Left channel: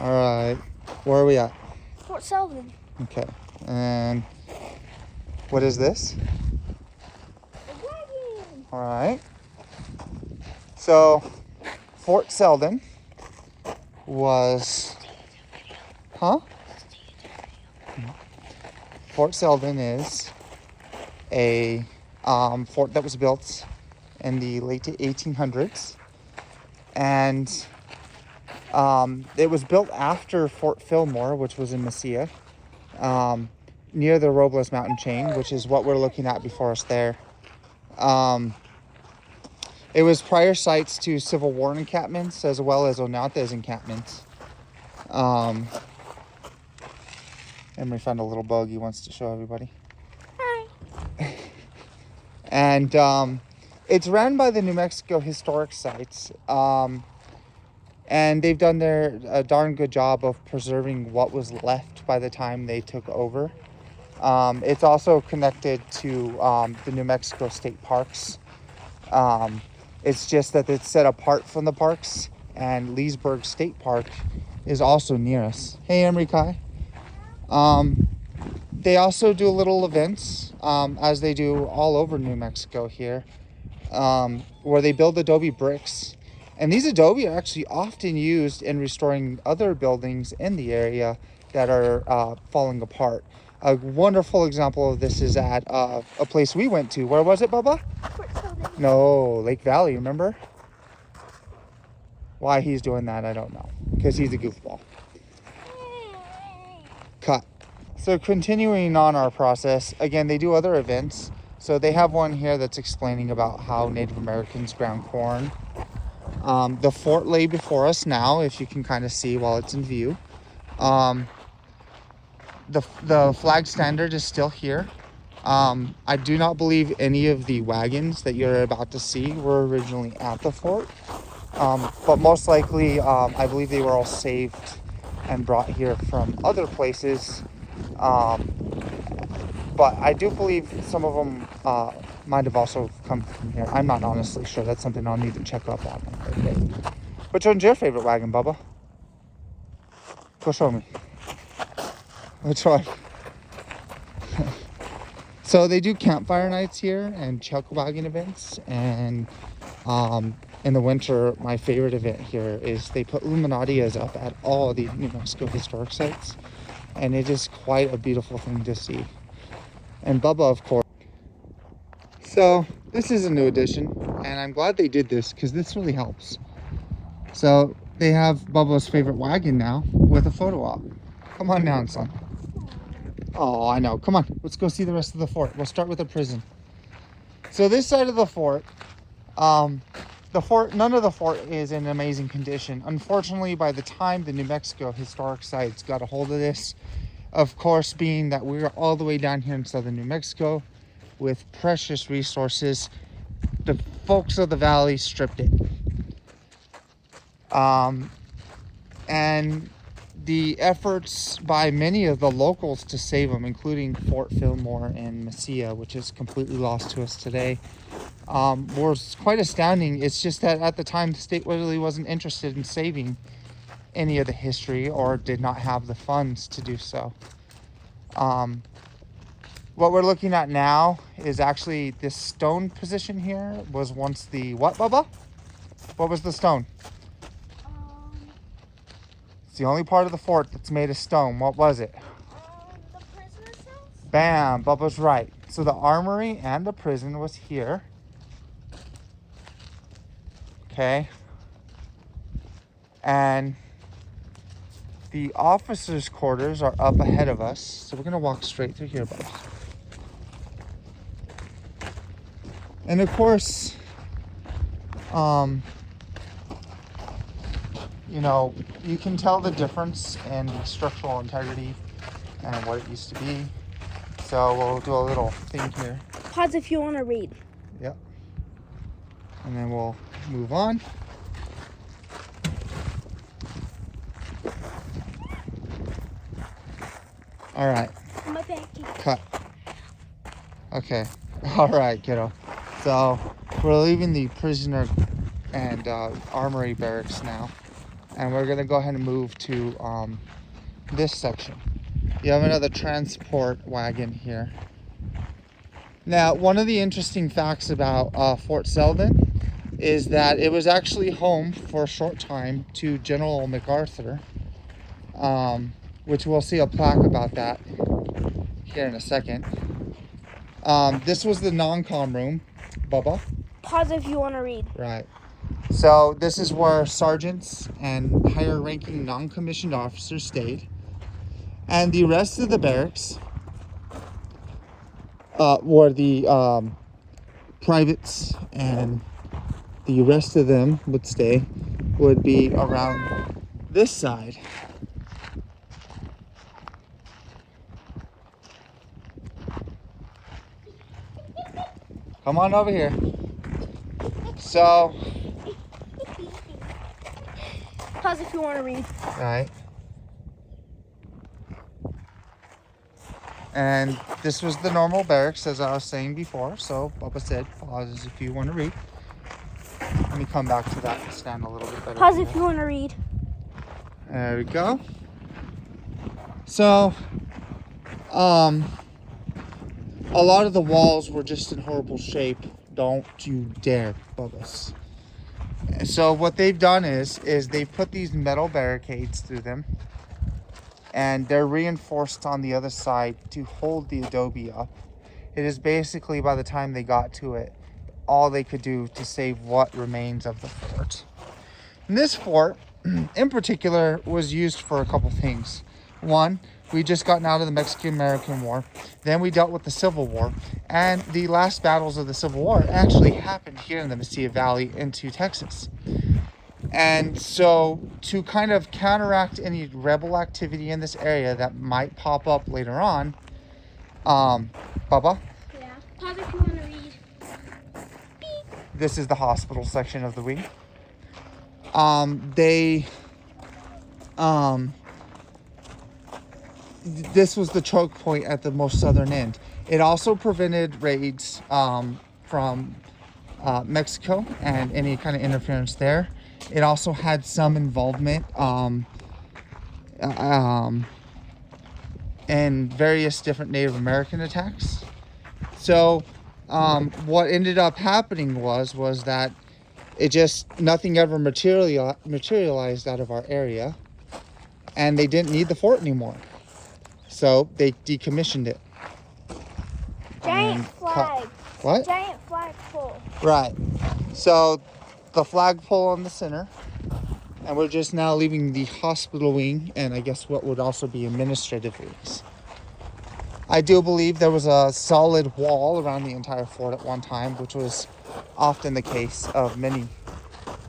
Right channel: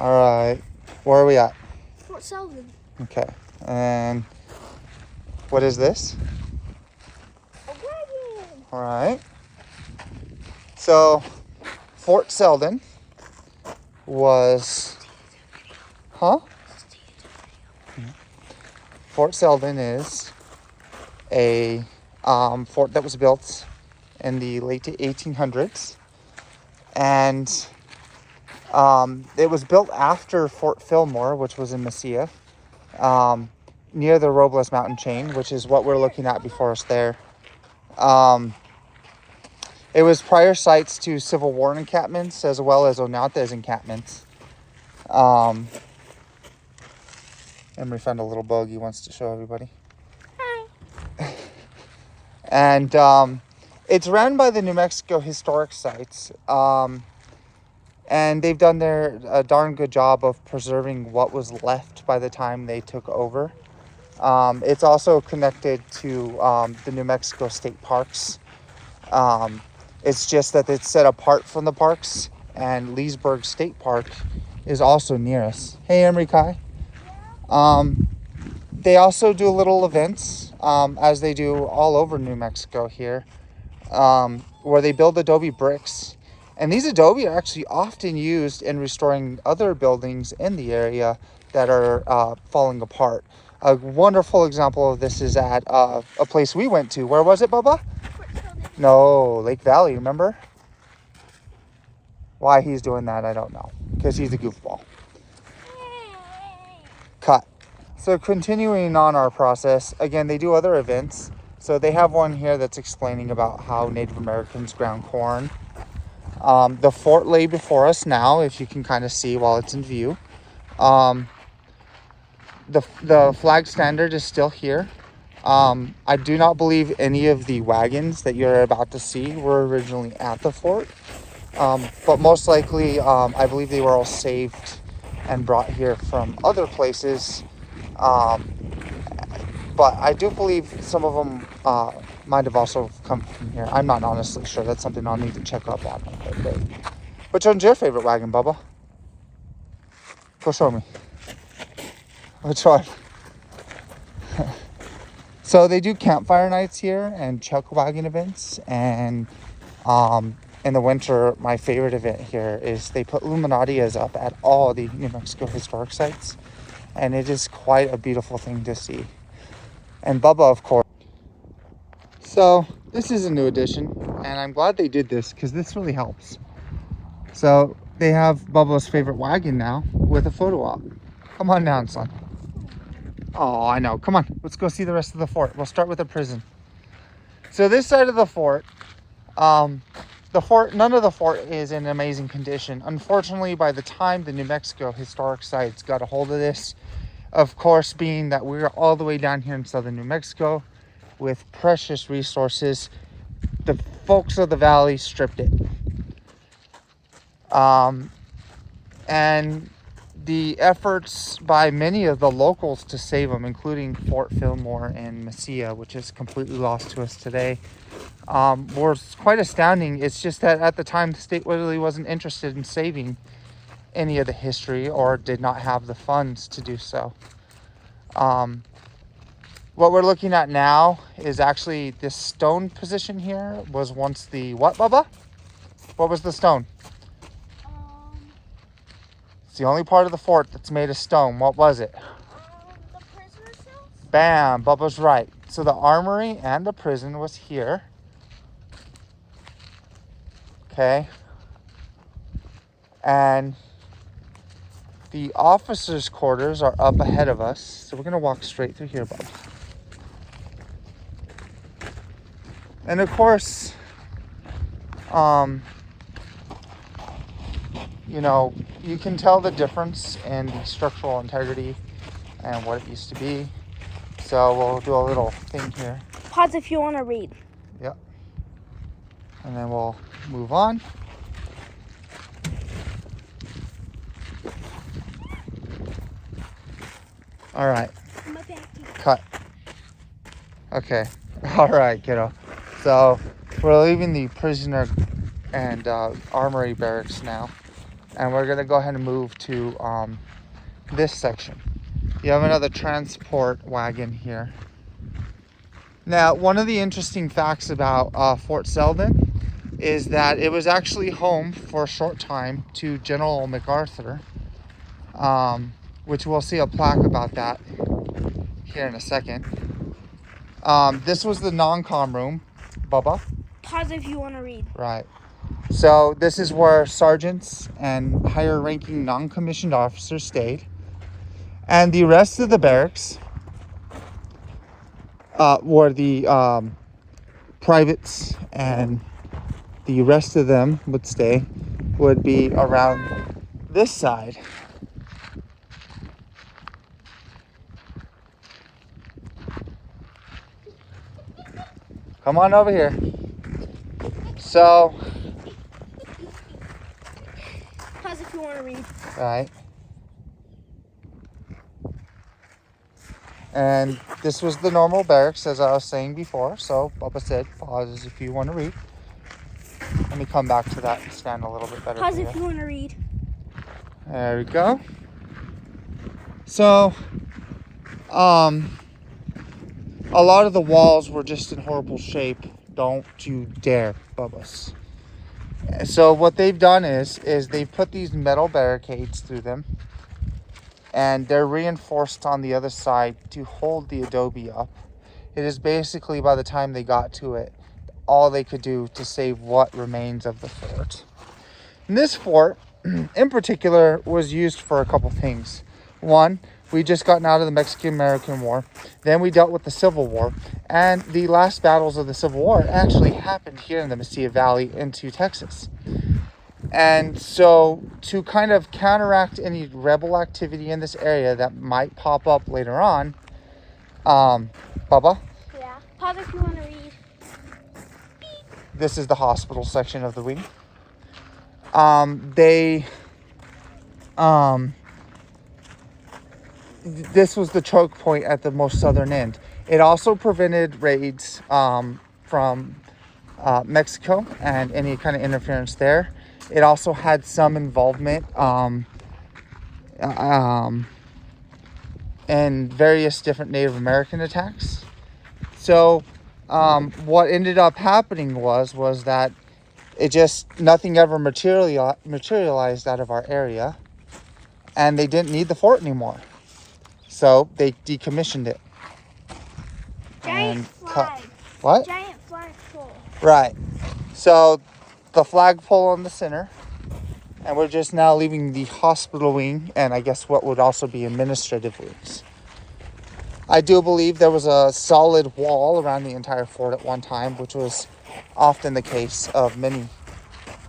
All right. Where are we at? Fort Selden. Okay. And what is this? A wagon. All right. So Fort Selden was, huh? Fort Selden is a fort that was built in the late 1800s, and it was built after Fort Fillmore, which was in Mesilla, near the Robles mountain chain, which is what we're looking at before us there. It was prior sites to Civil War encampments as well as Onate's encampments. Emery found a little bug he wants to show everybody. Hi. And it's run by the New Mexico Historic Sites. And they've done a darn good job of preserving what was left by the time they took over. It's also connected to the New Mexico State Parks. It's just that it's set apart from the parks, and Leesburg State Park is also near us. Hey, Emery Kai. They also do little events, as they do all over New Mexico here, where they build adobe bricks. And these adobe are actually often used in restoring other buildings in the area that are falling apart. A wonderful example of this is at a place we went to. Where was it, Bubba? Fort Selden. No, Lake Valley, remember? Why he's doing that, I don't know. Because he's a goofball. Cut. So continuing on our process, again, they do other events. So they have one here that's explaining about how Native Americans ground corn. The fort lay before us now, if you can kind of see while it's in view. The flag standard is still here. I do not believe any of the wagons that you're about to see were originally at the fort. But most likely, I believe they were all saved and brought here from other places. But I do believe some of them might have also come from here. I'm not honestly sure. That's something I'll need to check up on. Okay. Which one's your favorite wagon, Bubba? Go show me. Which one? So they do campfire nights here and chuck wagon events. And in the winter, my favorite event here is they put luminarias up at all the New Mexico historic sites. And it is quite a beautiful thing to see. And Bubba, of course. So this is a new addition, and I'm glad they did this because this really helps. So they have Bubba's favorite wagon now with a photo op. Come on down, son. Oh, I know. Come on, let's go see the rest of the fort. We'll start with the prison. So this side of the fort, none of the fort is in amazing condition. Unfortunately, by the time the New Mexico Historic Sites got a hold of this, of course, being that we're all the way down here in southern New Mexico with precious resources, the folks of the valley stripped it. And the efforts by many of the locals to save them, including Fort Fillmore and Mesilla, which is completely lost to us today, was quite astounding. It's just that at the time, the state really wasn't interested in saving any of the history or did not have the funds to do so. What we're looking at now is actually this stone position here was once the what, Bubba? What was the stone? It's the only part of the fort that's made of stone. What was it? The prisoner cells? Bam, Bubba's right. So the armory and the prison was here. Okay. And the officers' quarters are up ahead of us. So we're going to walk straight through here, Bubba. And of course, you know, you can tell the difference in the structural integrity and what it used to be. So we'll do a little thing here. Pause if you want to read. Yep. And then we'll move on. All right. My back. Cut. Okay. All right, kiddo. So we're leaving the prisoner and armory barracks now. And we're gonna go ahead and move to this section. You have another transport wagon here. Now, one of the interesting facts about Fort Selden is that it was actually home for a short time to General MacArthur, which we'll see a plaque about that here in a second. This was the non-com room, Bubba. Pause if you want to read. Right. So this is where sergeants and higher ranking non-commissioned officers stayed. And the rest of the barracks, where the privates and the rest of them would stay, would be around this side. Come on over here. So, Pause if you want to read. all right. And this was the normal barracks, as I was saying before. So, Bubba said, pause if you want to read. Let me come back to that and stand a little bit better. Pause if you want to read. There we go. So, a lot of the walls were just in horrible shape. Don't you dare, Bubba's. So what they've done is they've put these metal barricades through them, and they're reinforced on the other side to hold the adobe up. It is basically, by the time they got to it, all they could do to save what remains of the fort. And this fort, in particular, was used for a couple things. One, we just gotten out of the Mexican-American War. Then we dealt with the Civil War. And the last battles of the Civil War actually happened here in the Mesilla Valley into Texas. And so to kind of counteract any rebel activity in this area that might pop up later on, Bubba? Yeah. Pause if you want to read. This is the hospital section of the wing. This was the choke point at the most southern end. It also prevented raids from Mexico and any kind of interference there. It also had some involvement in various different Native American attacks. So what ended up happening was that nothing ever materialized out of our area, and they didn't need the fort anymore. So they decommissioned it. Giant flag. What? Giant flagpole. Right. So the flagpole in the center, and we're just now leaving the hospital wing, and I guess what would also be administrative wings. I do believe there was a solid wall around the entire fort at one time, which was often the case of many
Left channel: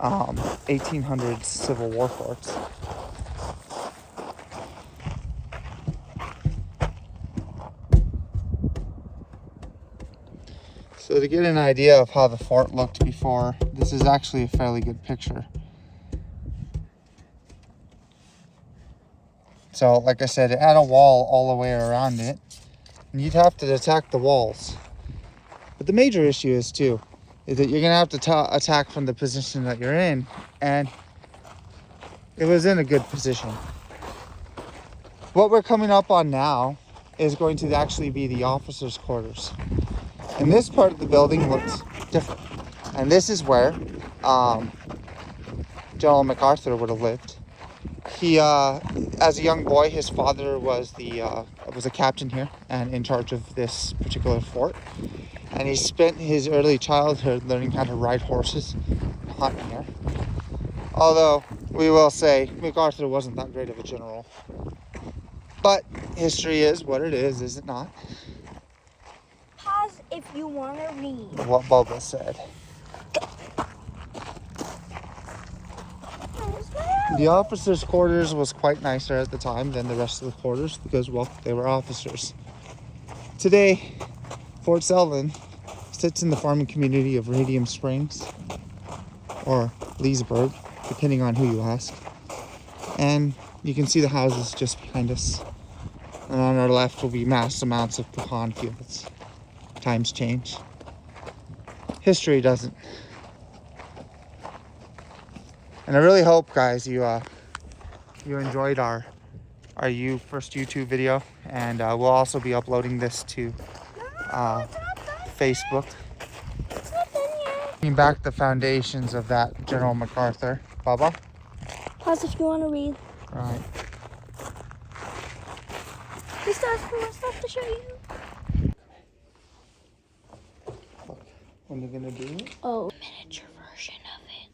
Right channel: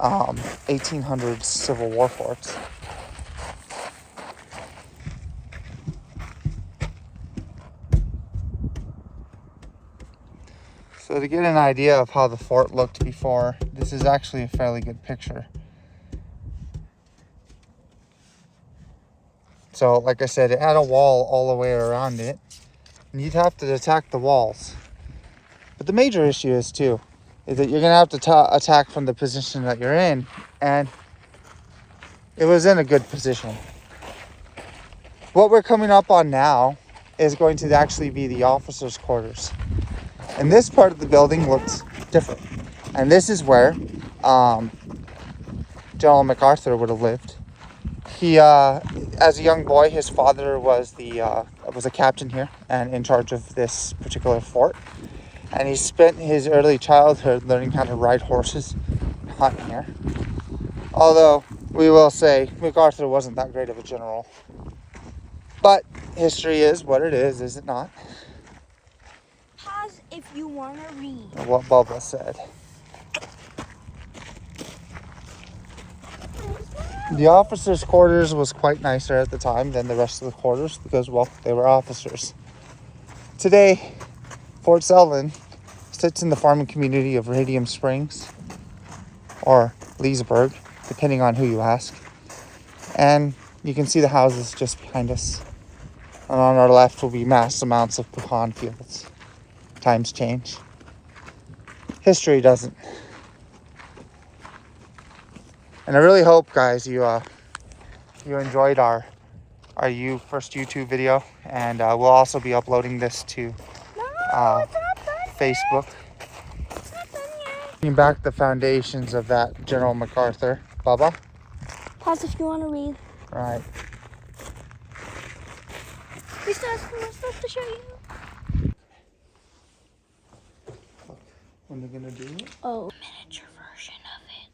1800s Civil War forts. So to get an idea of how the fort looked before, this is actually a fairly good picture. So like I said, it had a wall all the way around it, and you'd have to attack the walls. But the major issue is that you're gonna have to attack from the position that you're in, and it was in a good position. What we're coming up on now is going to actually be the officers' quarters. And this part of the building looks different. And this is where General MacArthur would have lived. He, as a young boy, his father was a captain here and in charge of this particular fort. And he spent his early childhood learning how to ride horses, hunting here. Although, we will say, MacArthur wasn't that great of a general. But history is what it is it not? Pause if you want to read. What Bubba said. The officers' quarters was quite nicer at the time than the rest of the quarters because, well, they were officers. Today, Fort Selden sits in the farming community of Radium Springs or Leesburg, depending on who you ask. And you can see the houses just behind us. And on our left will be mass amounts of pecan fields. Times change. History doesn't. And I really hope, guys, you enjoyed our first YouTube video, and we'll also be uploading this to No, it's not done Facebook. yet. It's not done yet. Bring back the foundations of that General MacArthur. Bubba? Pause if you want to read. All right. This starts from myself to show you. When are you gonna do it? Oh, miniature version of it.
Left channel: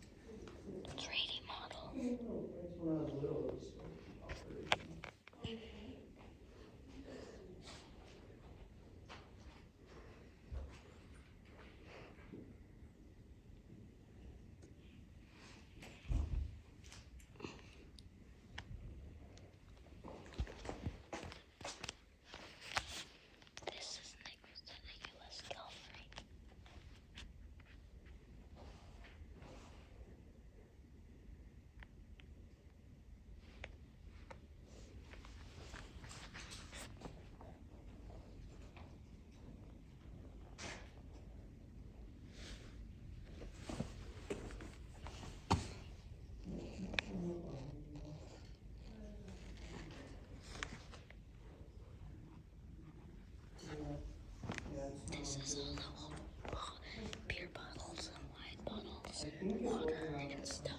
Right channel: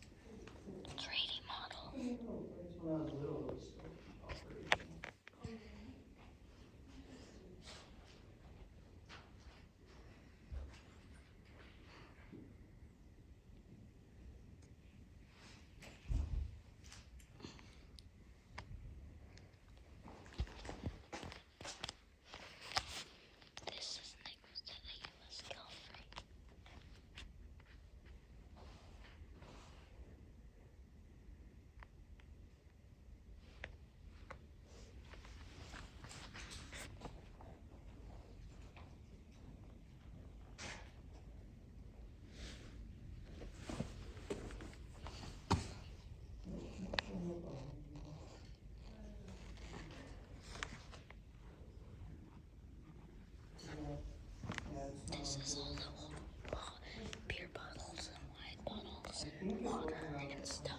3D model. This is next to the U.S. Cavalry. This is all the old beer bottles and wine bottles and water and stuff.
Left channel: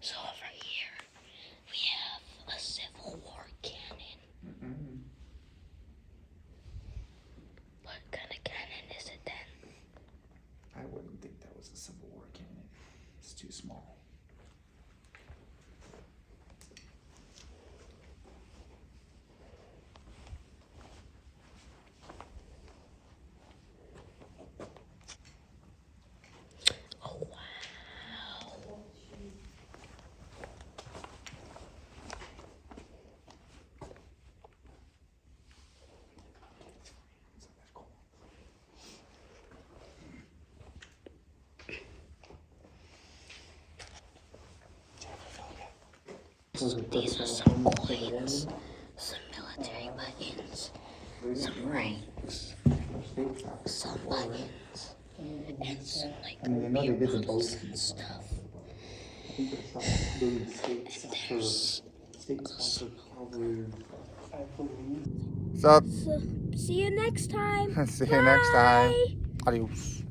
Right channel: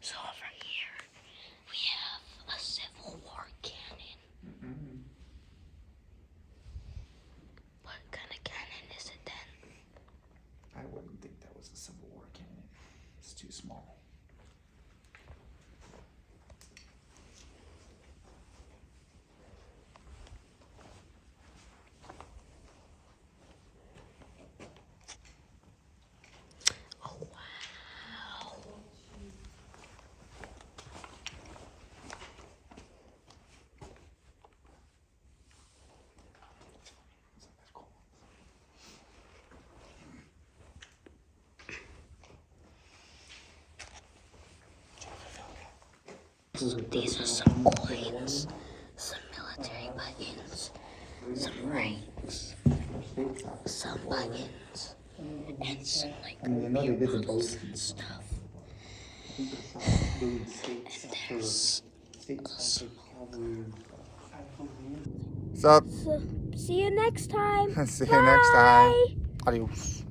So over here, we have a Civil War cannon. What kind of cannon is it then? I wouldn't think that was a Civil War cannon. It's too small. Oh, wow. So these are some coins, some military buttons, some rings, some buttons, and some like beer bottles and stuff. And there's What's up? so, see you next time. See you next time. Adios.